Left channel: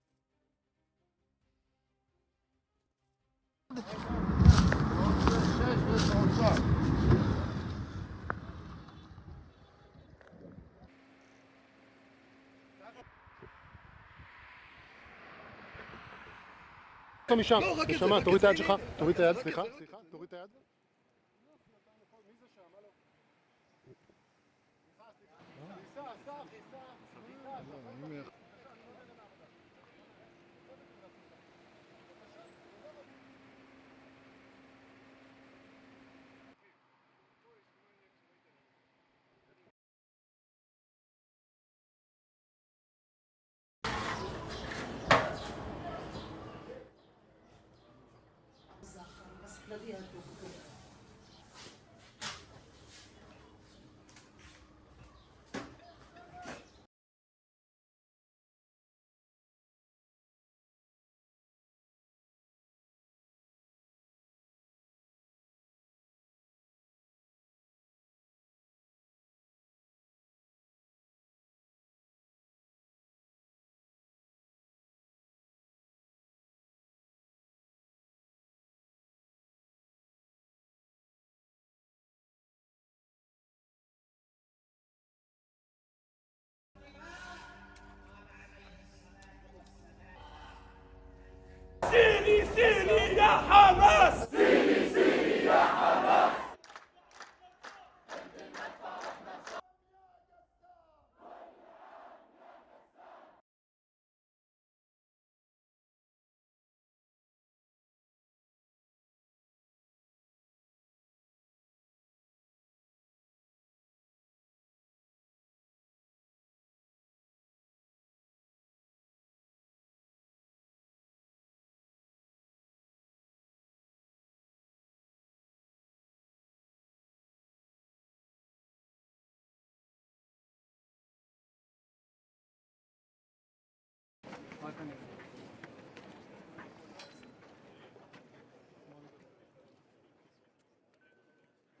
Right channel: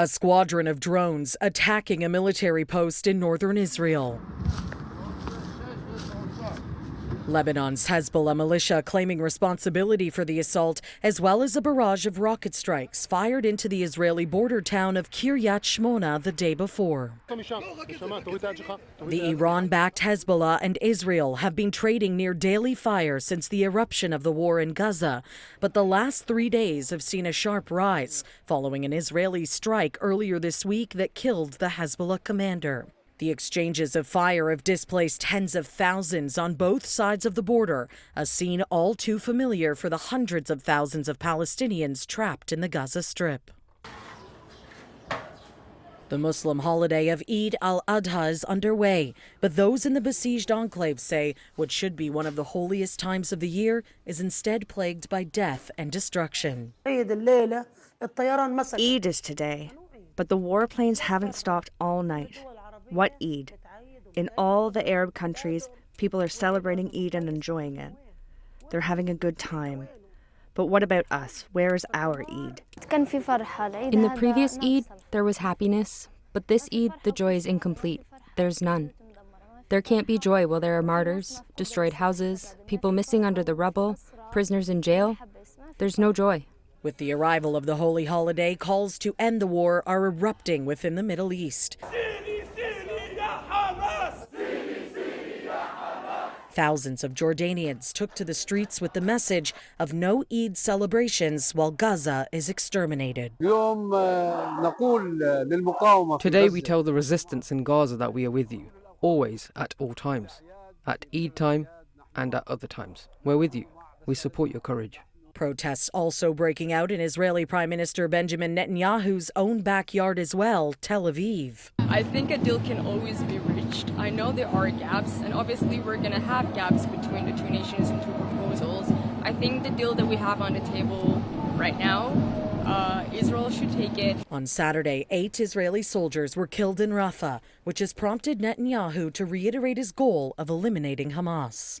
A squadron of drones attacking a military post in northern Israel. Lebanon's Hezbollah militia claiming responsibility for the assault, as well as a barrage of rocket strikes fired into the Israeli border town of Kiryat Shmona the day before. The Iran-backed Hezbollah and Israel have been trading near daily fire since the eruption of the war in Gaza, but the last 3 days have seen a sharp rise following an Israeli strike earlier this week that killed the Hezbollah commander. The exchanges of fire have displaced tens of thousands on both sides of the border, a scene all too familiar for the hundreds of thousands of Palestinians trapped in the Gaza Strip. The Muslim holiday of Eid Al-Adha is underway, but those in the besieged enclave say what should be one of the holiest times of the year is instead plagued by death and destruction. Eid is today, but the warplanes haven't stopped all night. What Eid? In all the Arab countries, people are celebrating Eid and enjoying it. They're having a good time. But what about us? Where is our Eid? In the previous Eid, there was happiness, but this Eid, the joy is incomplete. There's none. There can't be joy while there are martyrs, destroyed houses, people missing under the rubble, prisoners in jail. There's no joy. With the arrival of the holy holiday, calls to end the war are erupting within the Middle East. Thousands of Jordanians took to the streets with the message of no Eid celebrations while Gaza is exterminated. Today we tell the resistance in Gaza that we are with you, always, at all times. At Eid time and at other times. We're with you. We support your courage. Protests also breaking out in Israeli Prime Minister Benjamin Netanyahu's own backyard as well, Tel Aviv. I think a deal can always be reached. I know there are gaps, and obviously we're going to have gaps between the two nations and two proposals. I think the deal that we have on the table right now, Israel should take it. On Saturday, 8 Israeli soldiers were killed in Rafah, which has prompted Netanyahu to reiterate his goal of eliminating Hamas.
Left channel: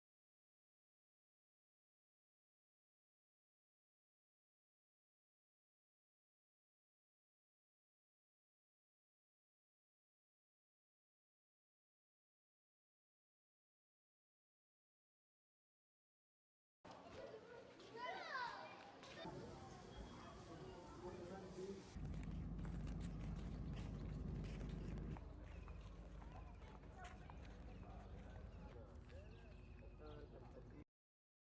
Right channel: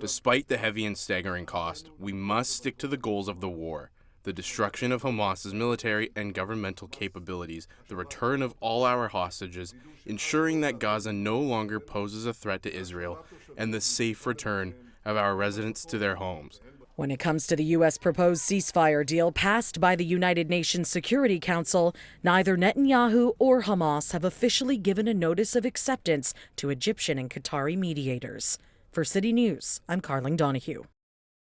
Despite the heavy and staggering cost, we must stick to the goals of the war: the destruction of Hamas's military and governmental capabilities, the return of all our hostages, ensuring that Gaza no longer poses a threat to Israel, and the safe return of our residents to their homes. When it comes to the U.S. proposed ceasefire deal passed by the United Nations Security Council, neither Netanyahu or Hamas have officially given a notice of acceptance to Egyptian and Qatari mediators. For City News, I'm Karling Donoghue.